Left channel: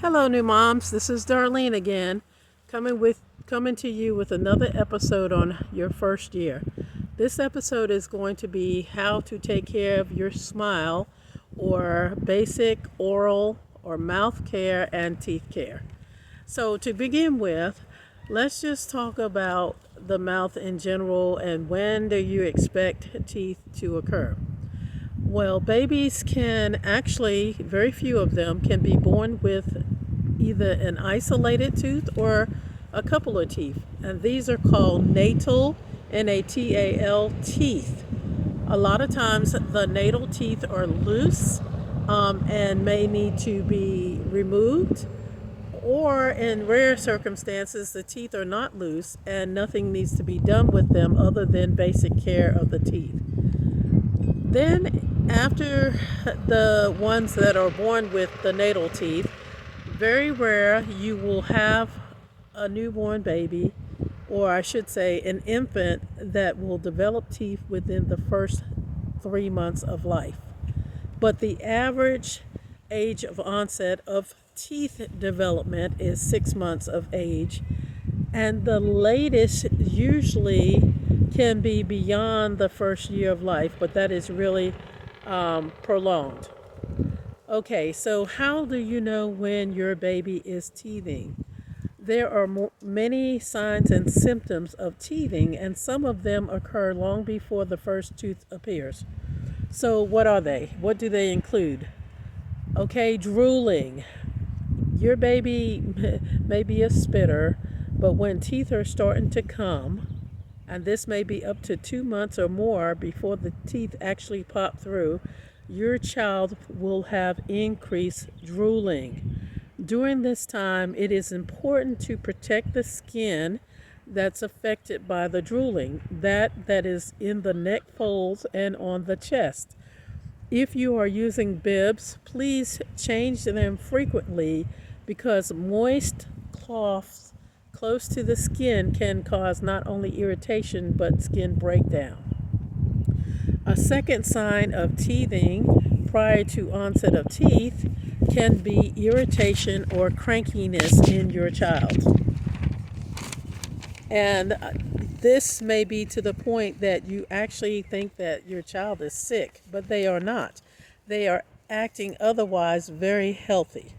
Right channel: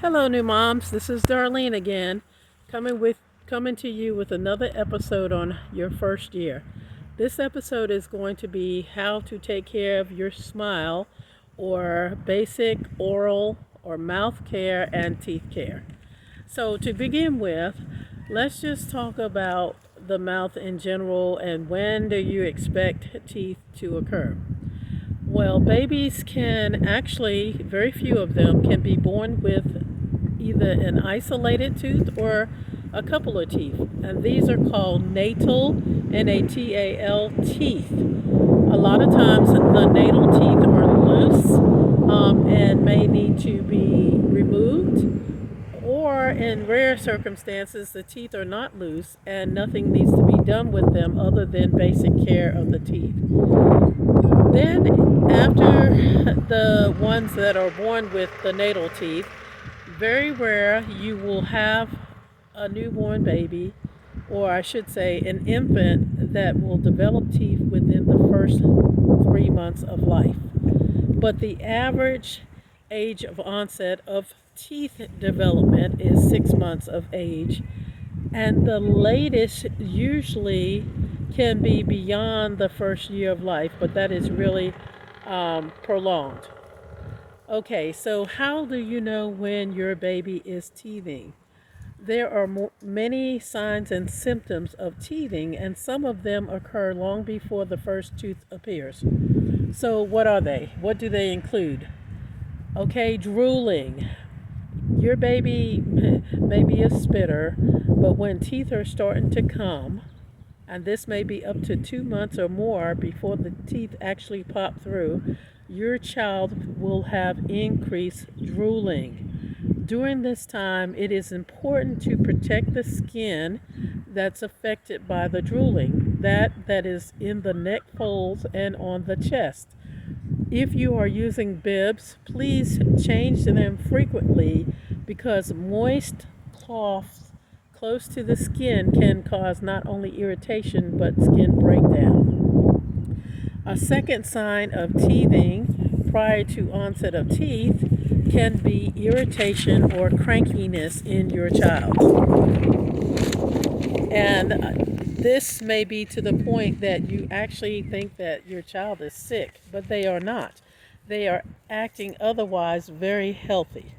Hello, new moms. This is Darlene again, coming to you with another episode on your first year. This episode is going to be how to take care of your smile, or basic oral or mouth care and teeth care. So to begin with, let's just talk about the mouth in general and when do you expect teeth to occur. Well, babies can actually, very few of them can be born with either an isolated tooth or a couple of teeth. And these are called natal, Natal teeth. A lot of times the natal teeth are loose and may need to be removed. Or in rare circumstances, the teeth are not loose and nothing needs to be done with them other than basic care of the teeth. Then, after the ones that are born with the natal teeth, very rare you will have a newborn baby, or I should say an infant, that will develop teeth within the first 3 months of life. But the average age of onset of teeth development is 6 months of age, and the latest usually can be beyond the first year of life, but that is really prolonged. Okay, so how do you know when your baby is teething? There are many signs and symptoms of teething, and some of them occur long before the first tooth appears. So, what are they? What do they include? Okay, drooling. Your baby may be a spitter, but when teeth are starting to come, and this may be up to 2 months or more before the teeth actually pop through, your child will have increased drooling. During this time, it is important to protect the skin that's affected by the drooling, that is in the neck folds and on the chest. If you are using bibs, please change them frequently because moist cloths close to the skin can cause not only irritation but skin breakdown. A second sign of teething prior to onset of teeth can be irritation or crankiness in your child. And this may be to the point that you actually think that your child is sick, but they are not. They are acting otherwise very healthy.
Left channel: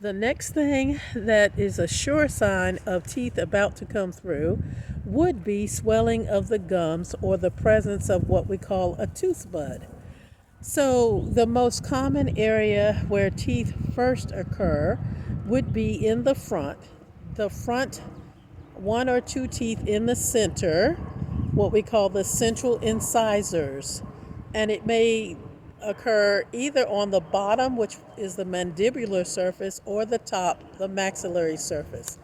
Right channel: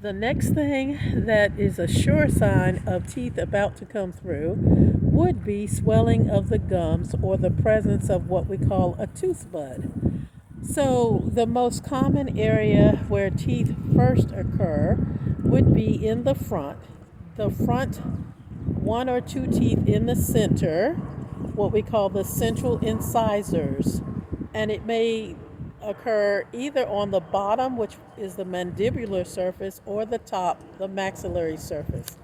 The next thing that is a sure sign of teeth about to come through would be swelling of the gums or the presence of what we call a tooth bud. So the most common area where teeth first occur would be in the front. The front one or two teeth in the center, what we call the central incisors. And it may occur either on the bottom, which is the mandibular surface, or the top, the maxillary surface.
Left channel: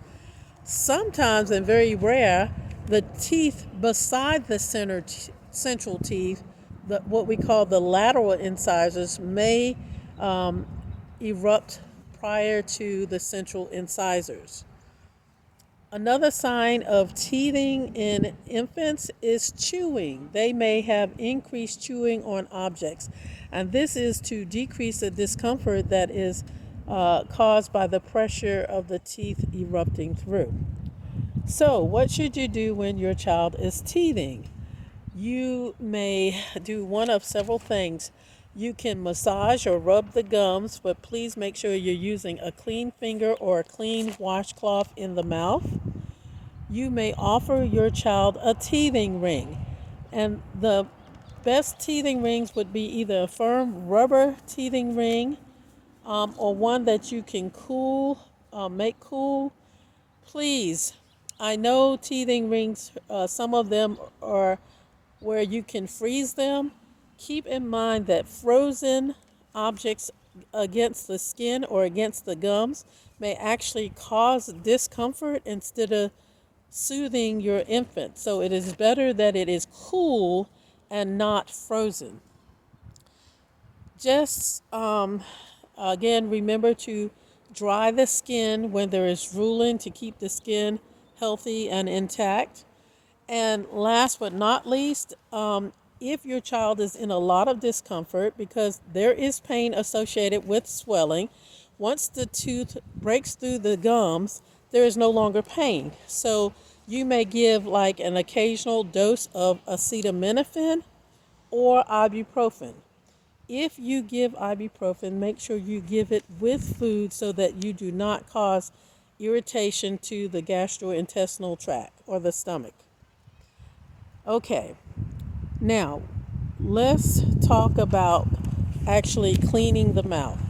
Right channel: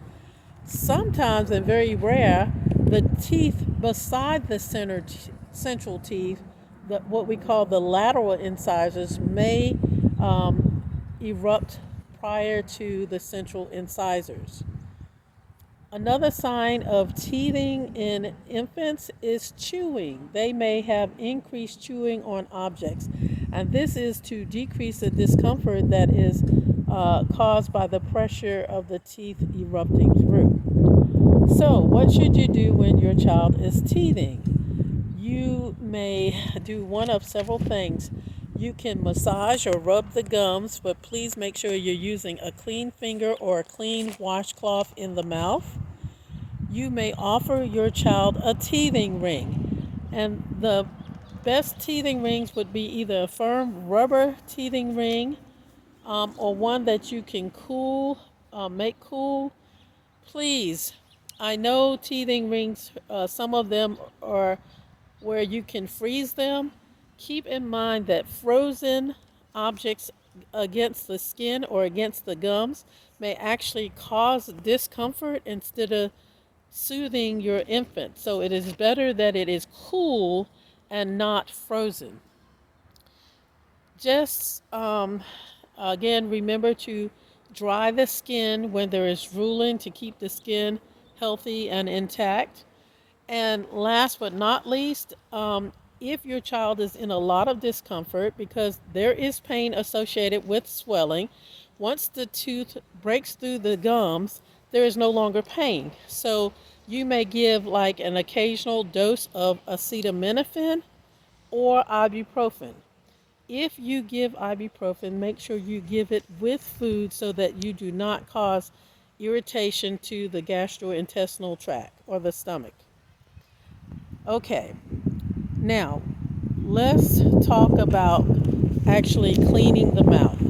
Sometimes, and very rare, the teeth beside the central teeth, what we call the lateral incisors, may erupt prior to the central incisors. Another sign of teething in infants is chewing. They may have increased chewing on objects, and this is to decrease the discomfort that is caused by the pressure of the teeth erupting through. So, what should you do when your child is teething? You may do one of several things. You can massage or rub the gums, but please make sure you're using a clean finger or a clean washcloth in the mouth. You may offer your child a teething ring, and the best teething rings would be either a firm rubber teething ring or one that you can make cool. Please, I know teething rings, some of them are where you can freeze them. Keep in mind that frozen objects against the skin or against the gums may actually cause discomfort instead of soothing your infant. So it is better that it is cool and not frozen. Just again, remember to dry the skin when there is drooling to keep the skin healthy and intact. And last but not least, if your child is in a lot of discomfort, because there is pain associated with swelling, Once the tooth breaks through the gums, there is no longer pain. So you may give like an occasional dose of acetaminophen or ibuprofen. If you give ibuprofen, make sure you give it with food so that you do not cause irritation to the gastrointestinal tract or the stomach. Okay, now let's talk about actually cleaning the mouth.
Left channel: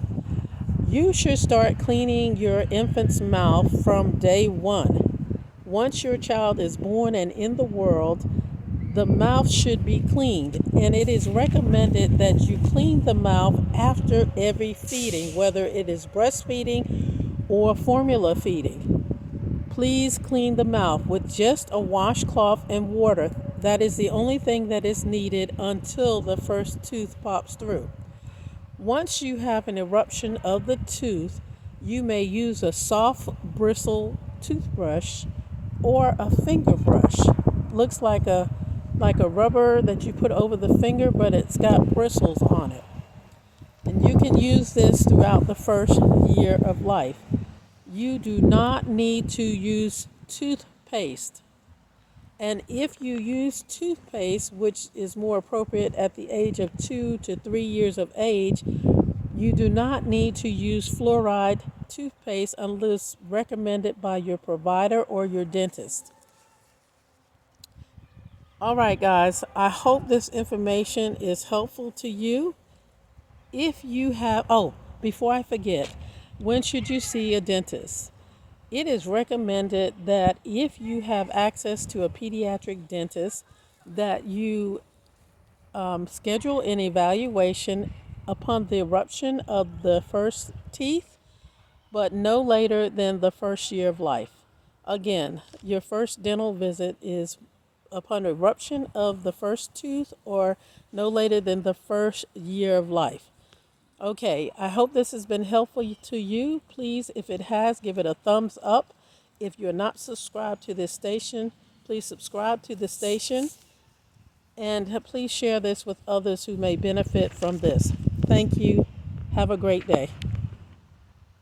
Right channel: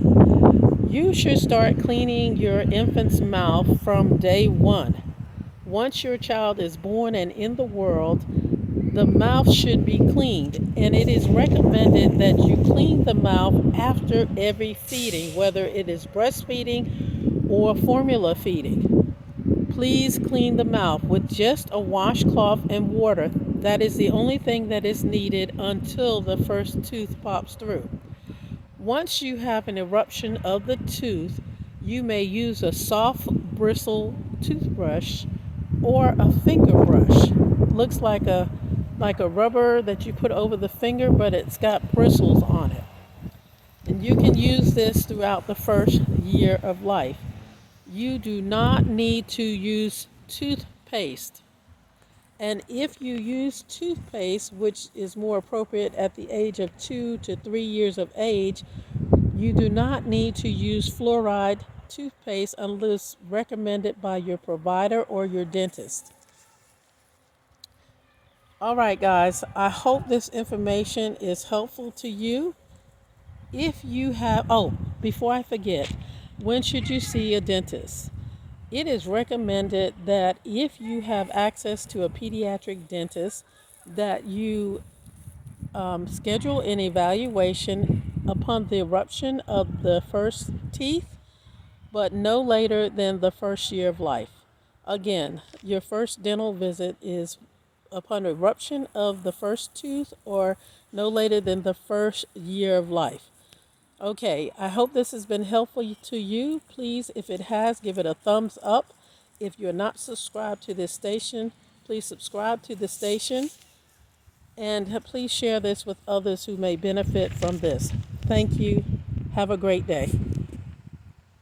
You should start cleaning your infant's mouth from day one. Once your child is born and in the world, the mouth should be cleaned, and it is recommended that you clean the mouth after every feeding, whether it is breastfeeding or formula feeding. Please clean the mouth with just a washcloth and water. That is the only thing that is needed until the first tooth pops through. Once you have an eruption of the tooth, you may use a soft bristle toothbrush or a finger brush. Looks like a rubber that you put over the finger, but it's got bristles on it. And you can use this throughout the first year of life. You do not need to use toothpaste. And if you use toothpaste, which is more appropriate at the age of 2 to 3 years of age, you do not need to use fluoride toothpaste unless recommended by your provider or your dentist. All right, guys, I hope this information is helpful to you. If you have, before I forget, when should you see a dentist? It is recommended that if you have access to a pediatric dentist, that you schedule an evaluation upon the eruption of the first teeth, but no later than the first year of life. Again, your first dental visit is upon eruption of the first tooth or no later than the first year of life. Okay, I hope this has been helpful to you. Please, if it has, give it a thumbs up. If you're not subscribed to this station, please subscribe to the station. And please share this with others who may benefit from this. Thank you. Have a great day.